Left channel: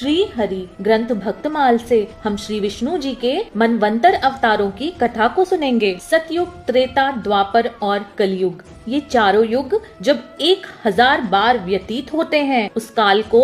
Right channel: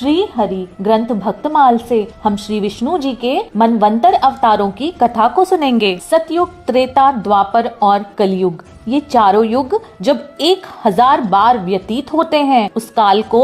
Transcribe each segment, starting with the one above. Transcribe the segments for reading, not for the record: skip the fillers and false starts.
श्री हरि ग्रंथ भक्तमाल से हम श्री विष्णु जी के मनवंतर अवतारों की कथा को सुनेंगे। सतयुग, त्रेता, द्वापर और कलयुग, ये चारों युग जब 1000 बार व्यतीत होते हैं, उस काल को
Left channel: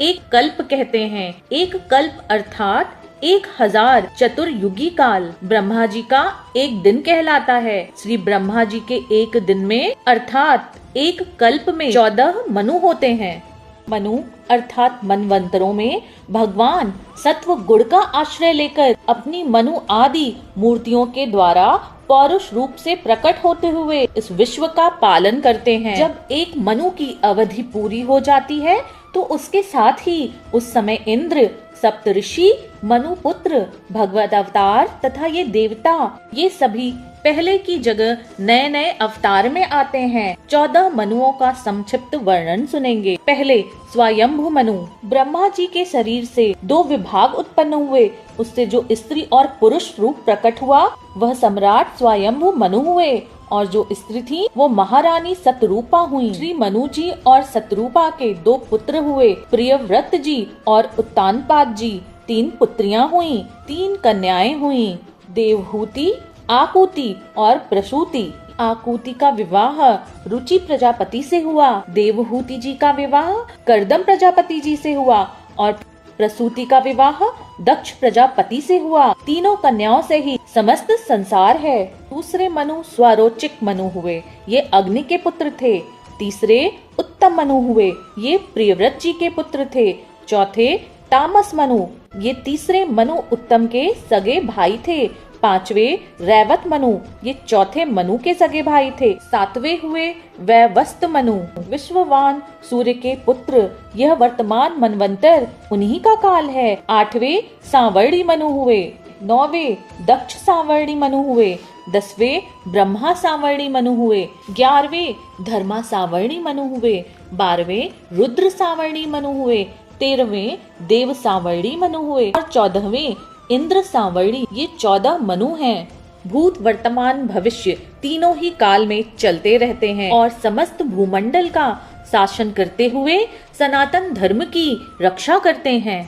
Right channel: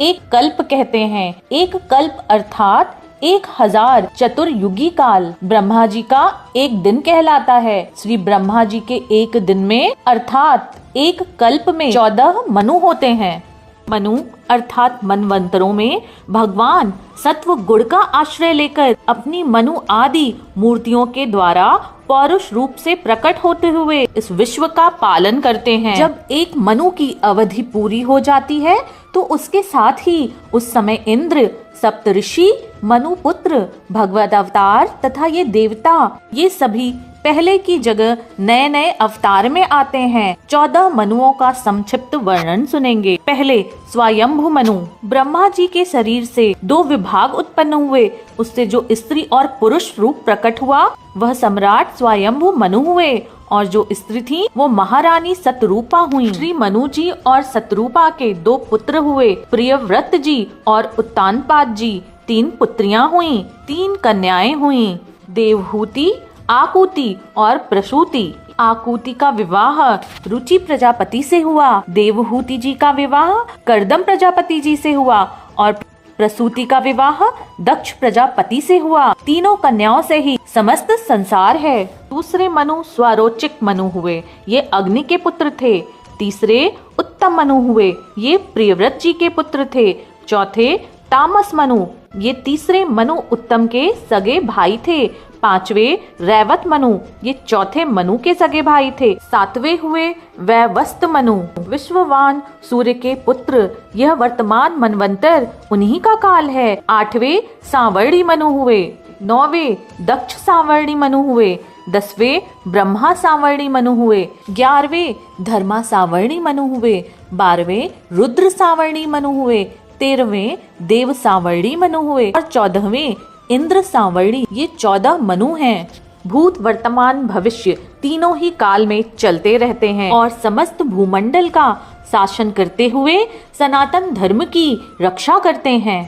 एक कल्प कहते हैं। एक कल्प अर्थात 1000 चतुर्युगी काल ब्रह्मा जी का एक दिन कहलाता है। श्री ब्रह्मा जी के एक दिन में अर्थात एक कल्प में 14 मनु होते हैं। मनु अर्थात मनवंतरों में भगवान सत्व गुण का आश्रय लेकर अपनी मनु आदि मूर्तियों के द्वारा पौरुष रूप से प्रकट होते हुए इस विश्व का पालन करते हैं। जब एक मनु की अवधि पूरी हो जाती है तो उसके साथ ही उस समय इंद्र, सप्तऋषि, मनु पुत्र, भगवत अवतार तथा ये देवता, ये सभी पहले की जगह नए नए अवतार में आते हैं। 14 मनुओं का संक्षिप्त वर्णन सुनेंगे। पहले स्वयंभु मनु। ब्रह्मा जी के शरीर से 2 विभाग उत्पन्न हुए, उससे जो स्त्री और पुरुष रूप प्रकट हुआ वह सम्राट स्वयंभु मनु हुए, और जो स्त्री थी वो महारानी सतरूपा हुई। श्री मनु जी और सतरूपा के 2 पुत्र हुए, प्रियव्रत जी और उत्तानपाद जी। 3 पुत्रियां हुई, 3 कन्याएं हुई, देवहूति, आकुति और प्रसूति। आकुति का विवाह रुचि प्रजापति से हुआ, देवहूति जी का विवाह कर्दम प्रजापति जी से हुआ और प्रसूति का विवाह दक्ष प्रजापति से हुआ। तीनों कन्याओं से ही समस्त संसार है। दूसरे मनु स्वरोचिक मनु हुए, ये अग्नि के पुत्र थे। तीसरे उत्तम मनु हुए, ये प्रियव्रत जी के पुत्र थे। चौथे तामस मनु, ये तीसरे मनु उत्तम के सगे भाई थे। 5वें रैवत मनु, ये चौथे मनु के सगे भाई थे। 7वें हुए वैवस्त मनु, विश्ववान सूर्य के पुत्र। यह वर्तमान मनवंतर उन्हीं का काल है। 8वें सांवर्णी मनु हुए। 9वें दक्ष सांवर्णी मनु हुए। 10वें ब्रह्मा सांवर्णी मनु हुए। 11वें धर्मा सांवर्णी मनु हुए। 12वें रुद्र सांवर्णी मनु हुए। 13वें देव सांवर्णी मनु हुए और 14वें इंद्र सांवर्णी। ये 14 मनु हैं। भूत, वर्तमान, भविष्य तीनों ही काल में चलते रहते हैं और समस्त भूमंडल का शासन करते हुए सनातन धर्म की रक्षा करते हैं।